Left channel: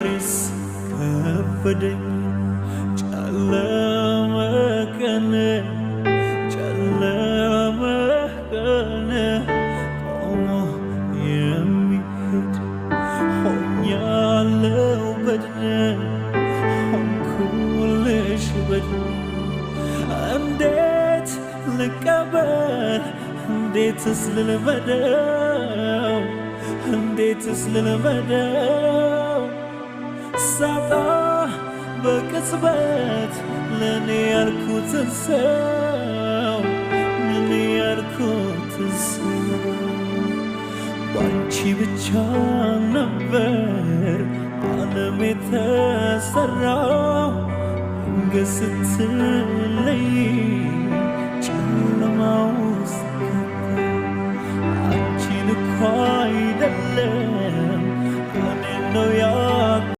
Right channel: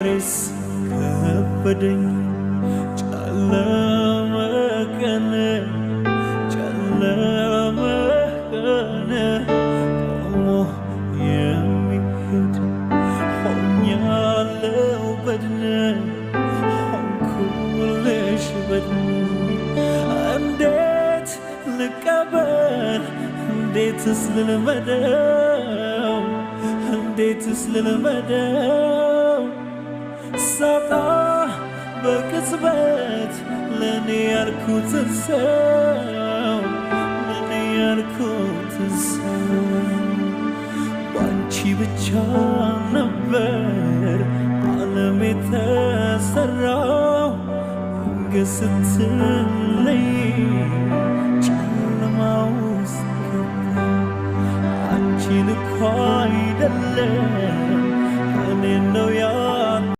ሬስ ከበደኝ ጨለመ ቀን ቆሞ የሚሄድ ሆኛለው በድን ሆንኩልሽ በድን እንዴት ልቀበል እንዴትስ ልልመደው እንዴትስ ልልመደው ሳጣ በቅጽበት ለኔ ያልኩትን ሰው ለኔ ያልኩትን ሰው ባንቺ ብቻ ነበር ዓለም የተሰራው ድንገት ስትለይ ጨለማ ውስጥ ገባሁ አንቺን እኮ አይደለም እኔን ነው